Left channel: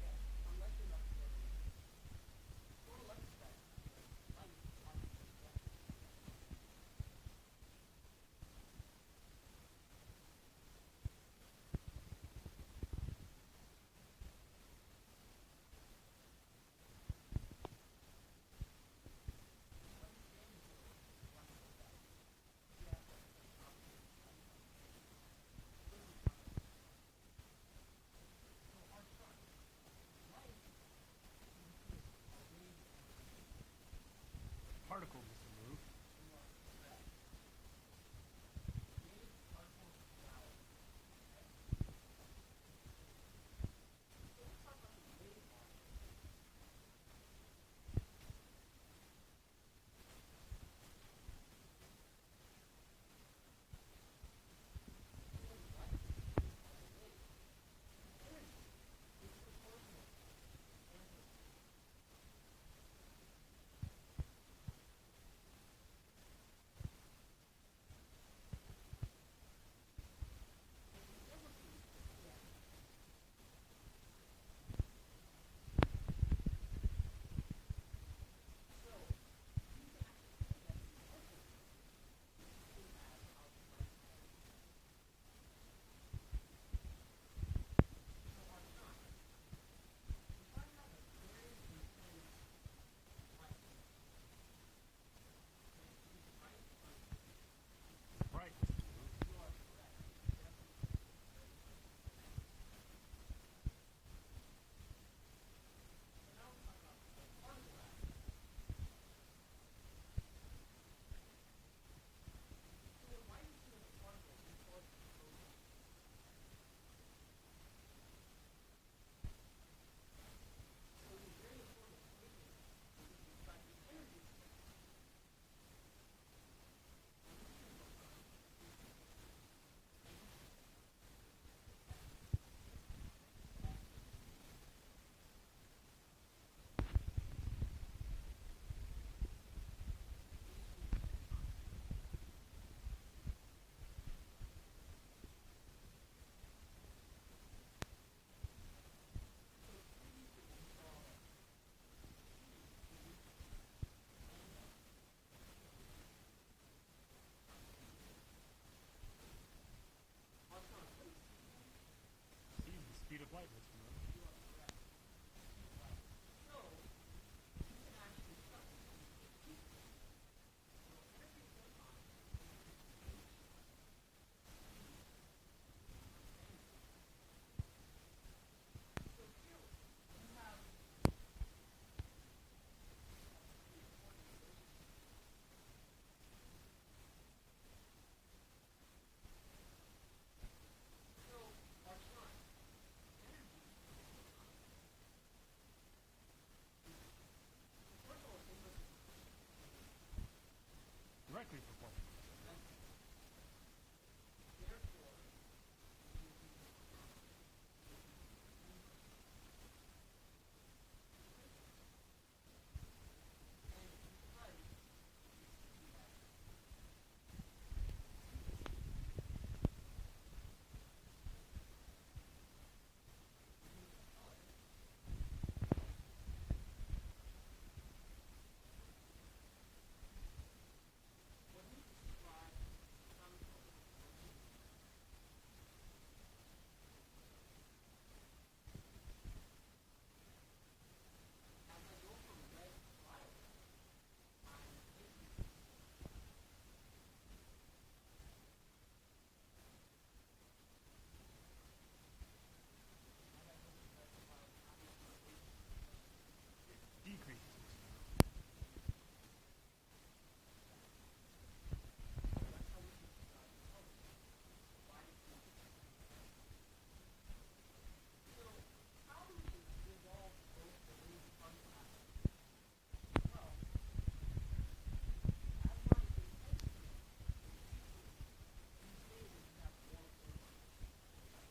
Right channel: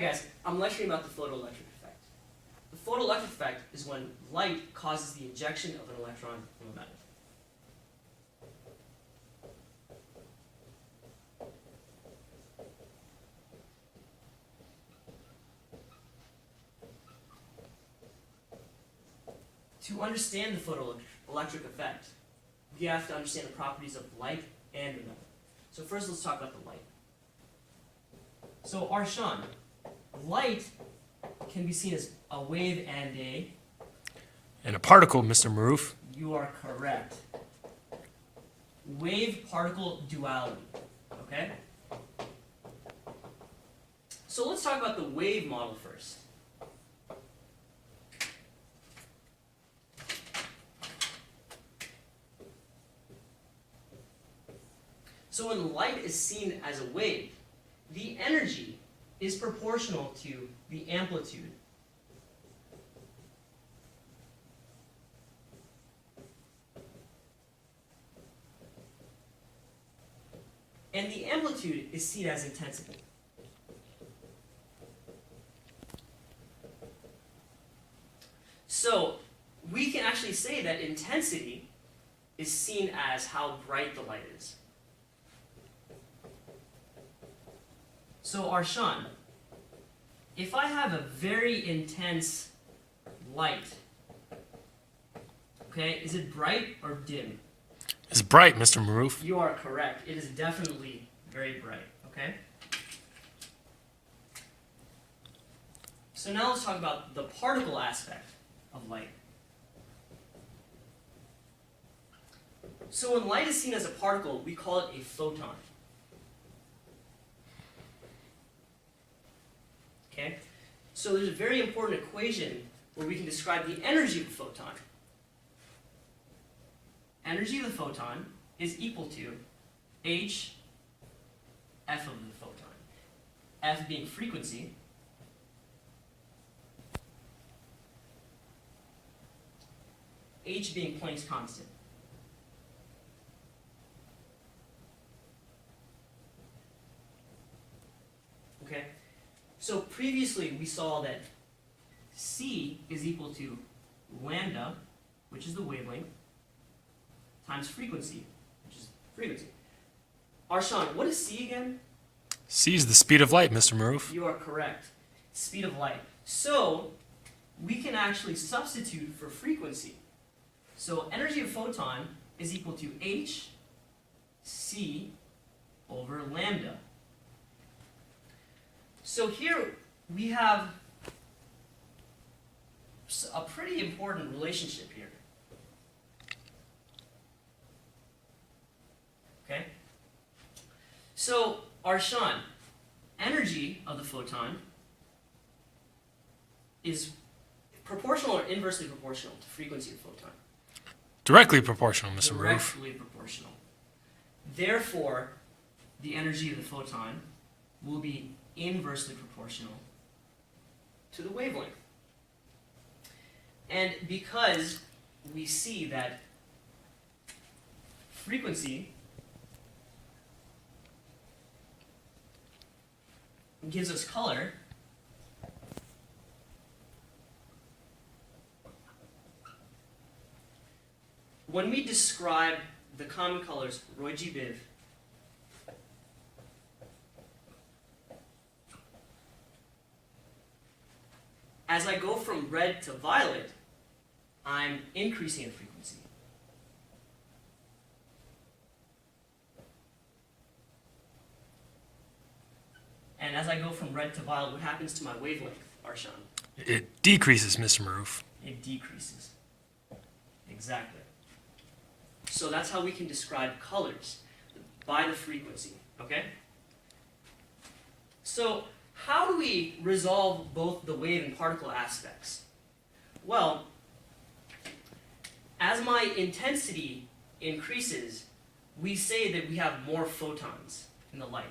Hi guys, I'm lecturing about the photoelectric effect. The photoelectric effect is when light causes the ejection of an electron from a metal. To understand the photoelectric effect, we have to understand the properties of light and the metal. So first let's talk about the light. So Arshan, light can be seen as a wave and a particle, Mr. Maruf. You are correct. Wave-particle duality, okay? So let's talk about the wave model first. So when light is seen as a wave, the energy is proportional to the amplitude. And the amplitude is seen as intensity. So we can actually say that intensity is seen as how bright the light is. So Arshan, if I have a very intense light, okay, is it bright or dim? It's bright, Mr. Maruf. You are correct. It is definitely very bright, okay? So now let's talk about the particle aspect of light. So when light is seen as a particle, we call it a photon. Okay? So there's a very important equation where we can describe the energy of a photon. Energy of the photon is equal to h f of the photon. F being frequency, h being Planck's constant. Okay? So previously we saw that c is equal to lambda, which is the wavelength, times frequency, which is frequency. Arshan, what is c again? C is the speed of light, Mr. Maruf. You are correct. Speed of light. So we can actually substitute for frequency. So energy of photon is equal to h c over lambda. So here we have a pretty important relationship here. Okay? So, Arshan, energy of the photon is proportional or inversely proportional to frequency of the photon? Directly proportional, Mr. Maruf. Directly proportional. Therefore, the energy of the photon will be inversely proportional to the wavelength. And because we see that frequency gives us color, when we describe the common colors Roy G. Biv, as I go from red to violet, I'm increasing in frequency. And as I go from red to violet, what happens to my wavelength, Arshan? It decreases, Mr. Maruf. It decreases. Exactly. So that's how we can describe colors, by the frequency, okay? So how do we resolve both the wave and particle aspects? Well, as my intensity increases, we say that we have more photons in the light.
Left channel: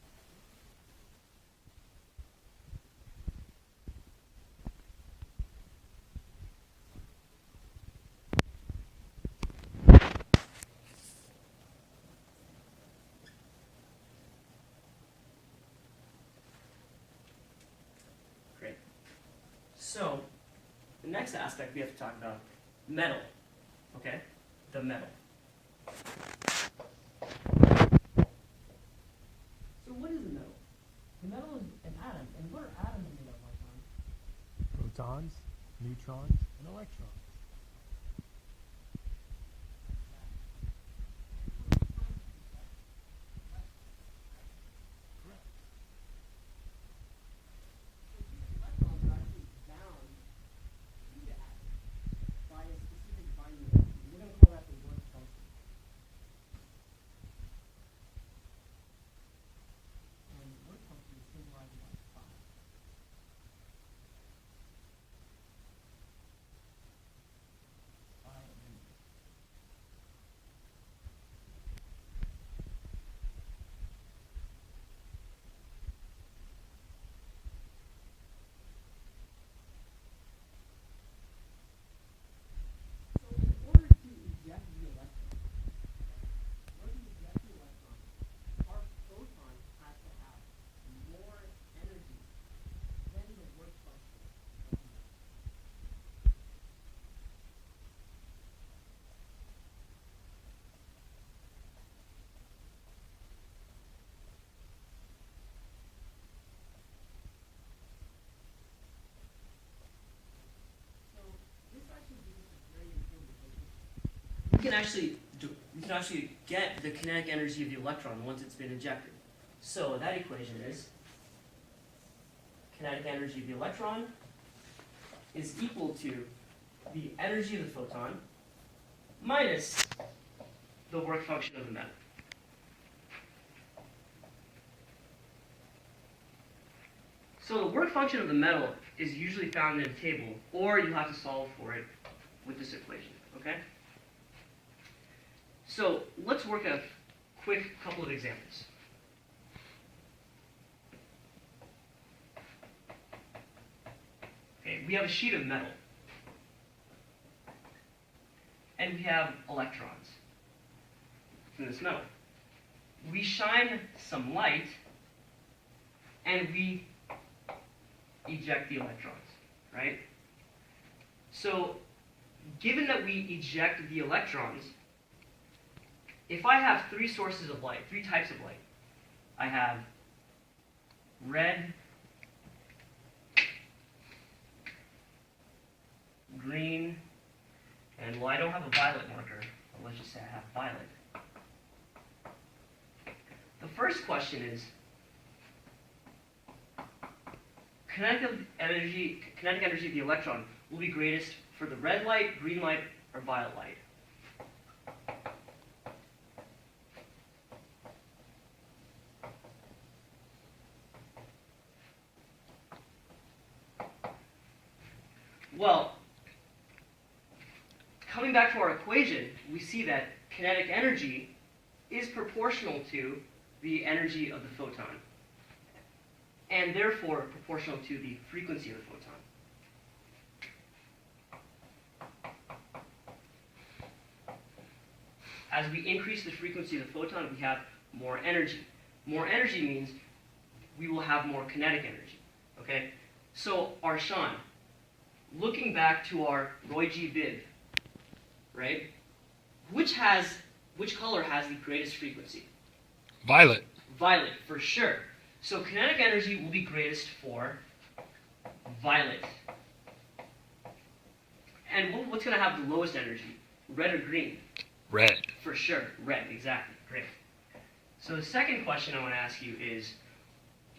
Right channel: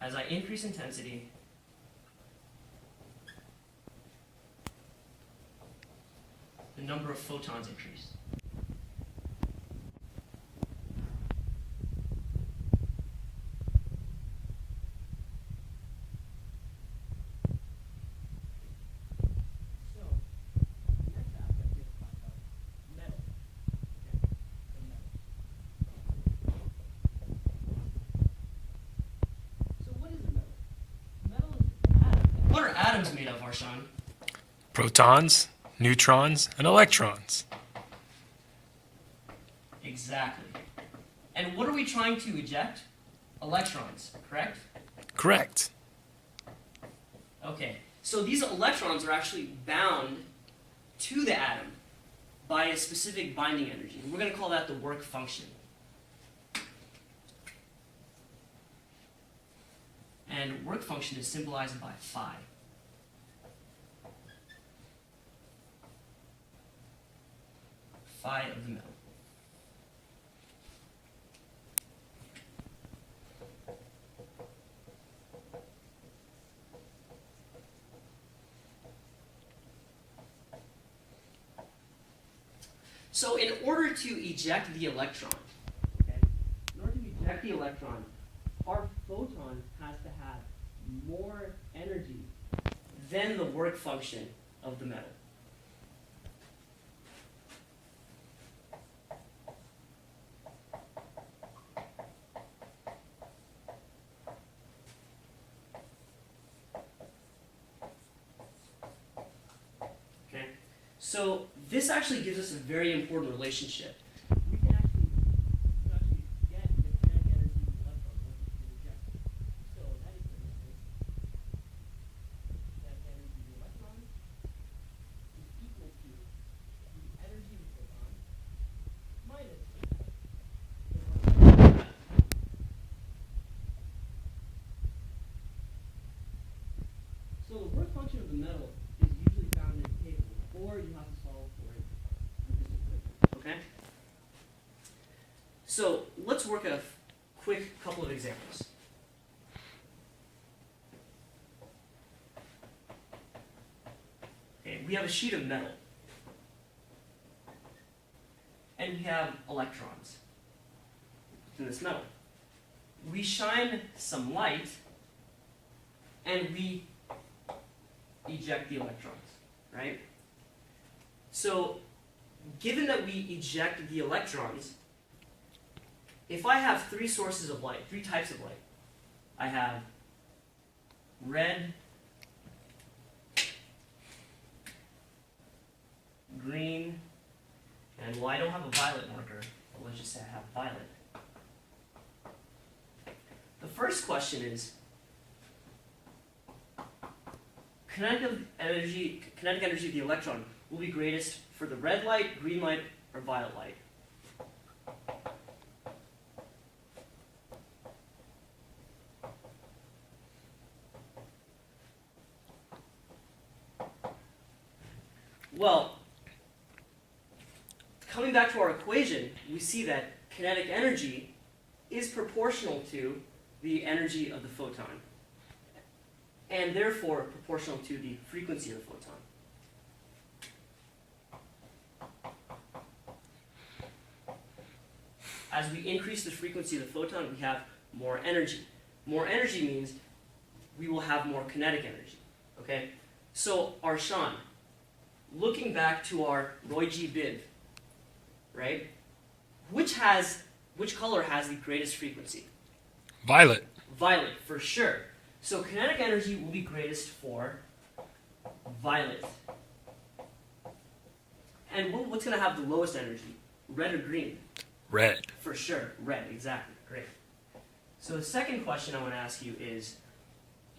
As I increase intensity, the number of photons increase. talk about metal. Okay, the metal. So what is a metal? Metal is atoms. What are atoms made of, Arshan? Protons, neutrons, and electrons. Exactly. And what are we trying to eject? Electrons, correct? Correct. Okay, so these electrons are actually bound to the atom by a specific binding energy. We're going to call that the work function. And work function is symbolized by phi. Phi of the metal. So in order to eject the electron, okay, in order to eject the electron, our photon has to have more energy than the work function of the metal. Okay, so this actually gives us a very important relationship. We can actually get the kinetic energy of the electron once it's been ejected. So that equation is kinetic energy of the electron is equal to the energy of the photon minus the work function of the metal. So the work function of the metal is usually found in a table, or you have to solve for it with this equation, okay? So let's work a quick couple of examples. Okay, we have a sheet of metal. And we have electrons in this metal. We shine some light, and we eject the electrons, right? So, given that we eject the electrons, if I have three sources of light, three types of light, I have red, green, and well, I don't have a violet marker, but let's just say I have violet. The first question is, kinetic energy of the electron will be greatest for the red light, green light, or violet light. Well, coming back to our equation, we see that kinetic energy is proportional to the energy of the photon, and therefore proportional to the frequency of the photon. As we increase the frequency of the photon, we have more energy. More energy means we will have more kinetic energy. Okay? So, Arshan, looking back to our Roy G. Biv, right? Which color has the greatest frequency? Violet. Violet, for sure. So kinetic energy will be greatest for violet. And what's going to have the lowest energy? Red or green? Red. For sure, red, exactly. Great. So the second question I want to ask you is,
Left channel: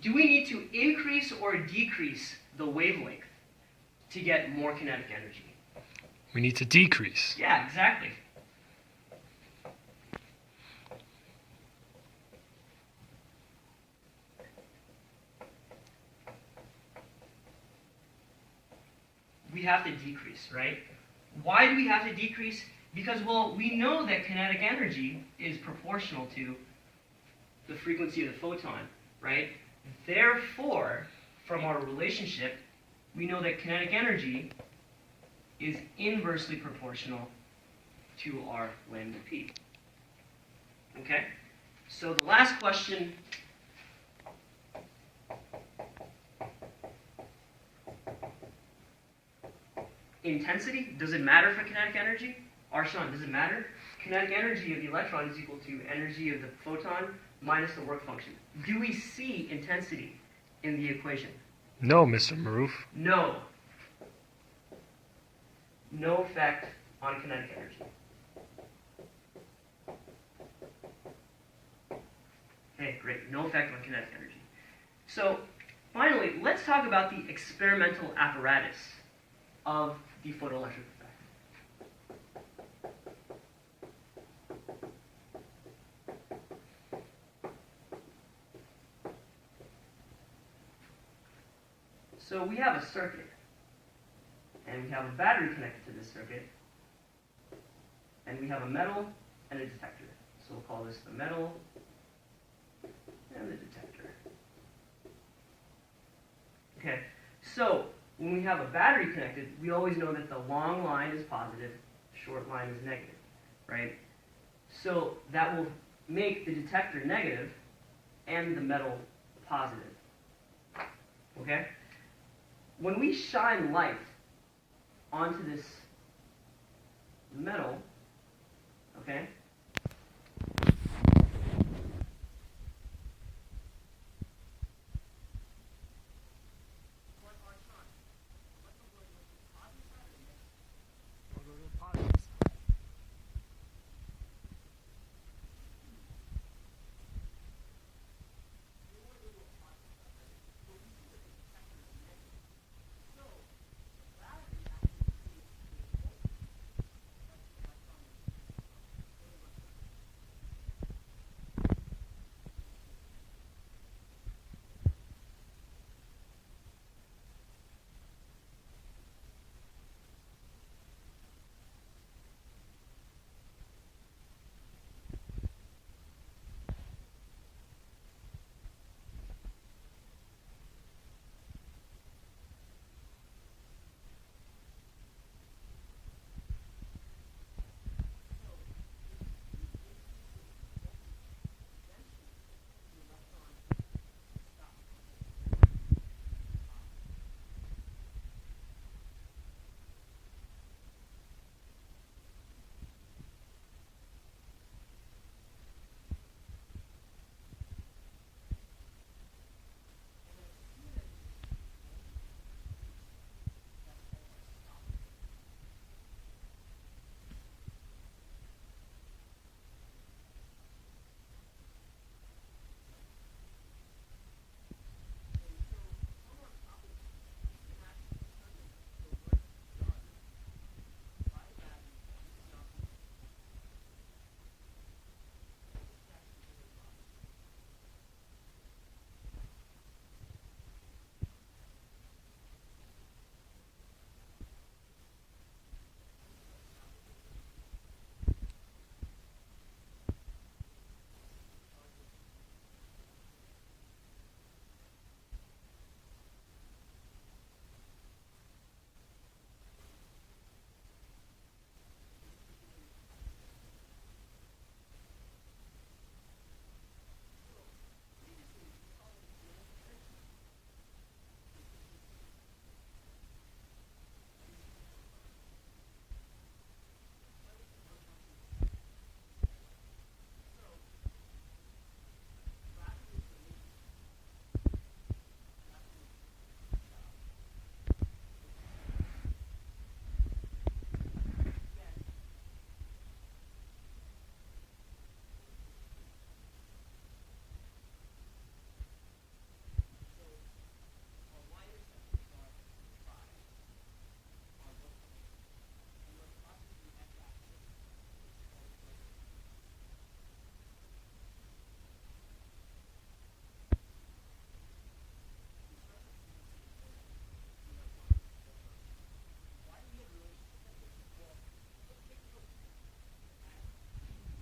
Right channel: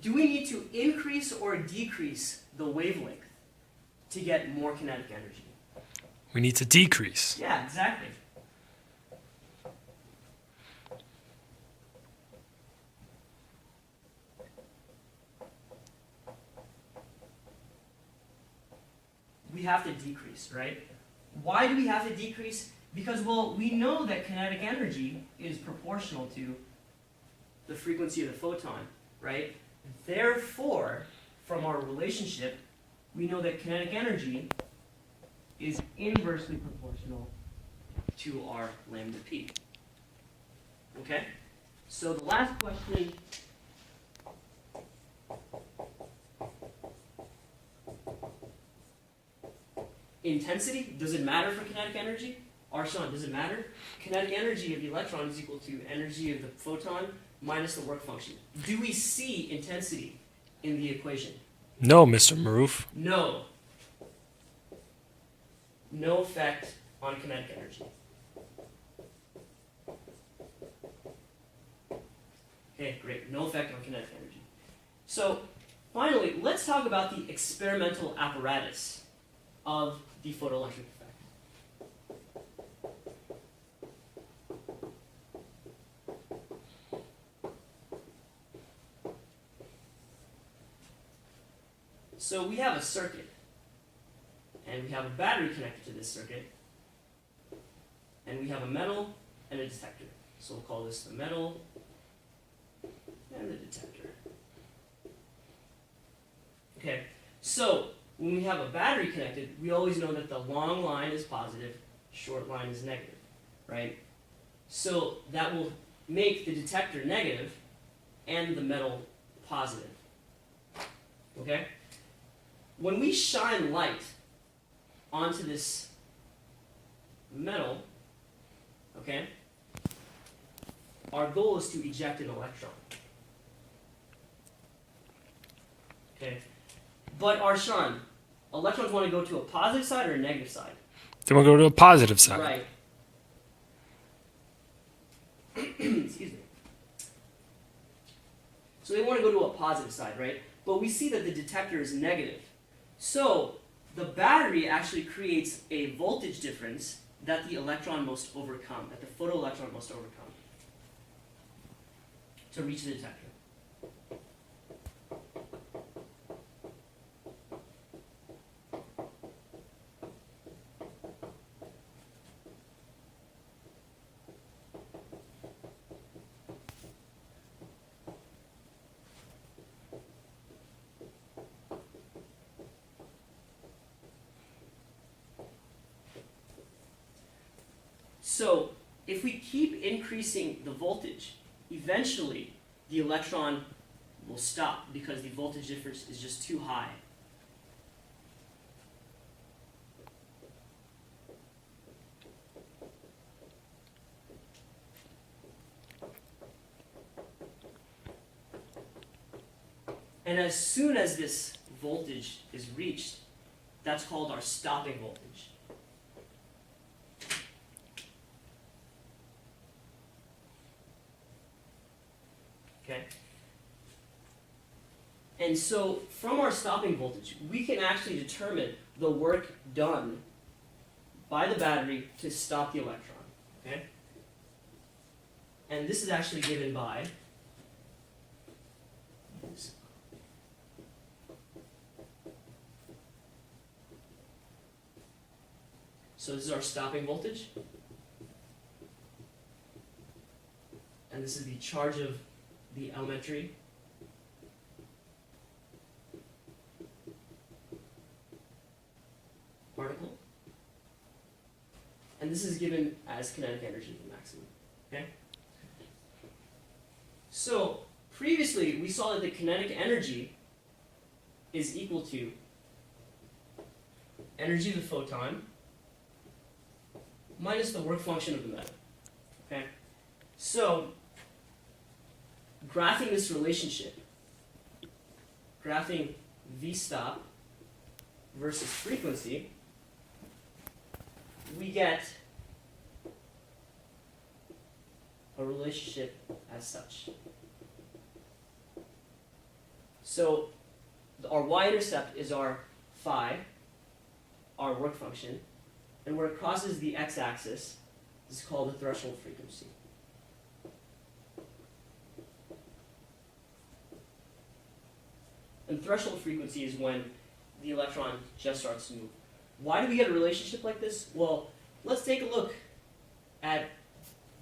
do we need to increase or decrease the wavelength to get more kinetic energy? We need to decrease. Yeah, exactly. We have to decrease, right? Why do we have to decrease? Because, well, we know that kinetic energy is proportional to the frequency of the photon, right? Therefore, from our relationship, we know that kinetic energy is inversely proportional to our lambda p. Okay? So the last question intensity, does it matter for kinetic energy? Arshan, does it matter? Kinetic energy of the electron is equal to energy of the photon minus the work function. Do we see intensity in the equation? No, Mr. Maruf. No. No effect on kinetic energy. Okay, great. No effect on kinetic energy. So, finally, let's talk about the experimental apparatus of the photoelectric effect. So we have a circuit, and we have a battery connected to this circuit, and we have a metal and a detector. So we'll call this the metal and the detector. Okay, so when we have a battery connected, we always know that the long line is positive, short line is negative, right? So that will make the detector negative and the metal positive. Okay? When we shine light onto this metal, okay, our goal is to eject an electron. Okay? But Arshan, electrons want to go to a positive side or a negative side? Then we'll go to a positive side. Right. Excuse me. So they want to go to a positive side, right? But we see that the detector is negative. So the battery actually creates a voltage difference that the electron must overcome, that the photoelectron must overcome to reach the detector. So if we keep increasing the voltage, eventually the electron will stop because the voltage difference is just too high. And as soon as this voltage is reached, that's called our stopping voltage. Okay? And so from our stopping voltage, we can actually determine the work done by the battery to stop the electron. Okay? And this is actually given by so this is our stopping voltage. And this is the charge of the elementary particle. And this is given as kinetic energy at the maximum. Okay? So previously we saw that the kinetic energy is equal to energy of the photon minus the work function of the metal. Okay? So graphing this relationship, graphing V stop versus frequency, we get a relationship as such. So our y-intercept is our phi, our work function, and where it crosses the x-axis is called the threshold frequency. And threshold frequency is when the electron just starts to move. Why do we get a relationship like this? Well, let's take a look at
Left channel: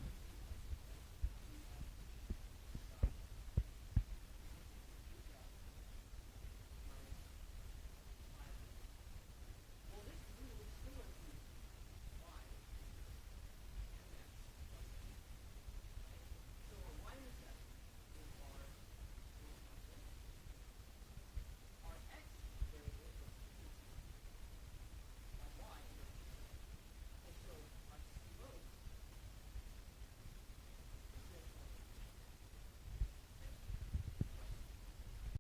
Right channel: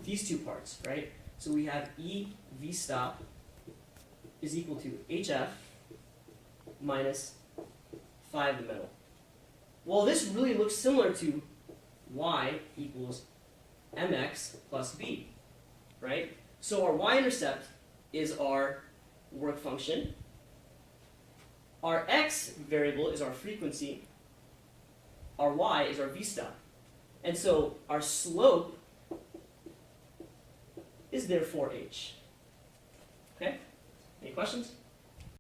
these two parts, right? So we have E V stop is equal to HF minus phi of the metal. Well, this really looks similar to Y equals mx plus b, right? So our y-intercept is our work function. Our x variable is our frequency. our y is our v stop. And so our slope is therefore h. Okay? Any questions?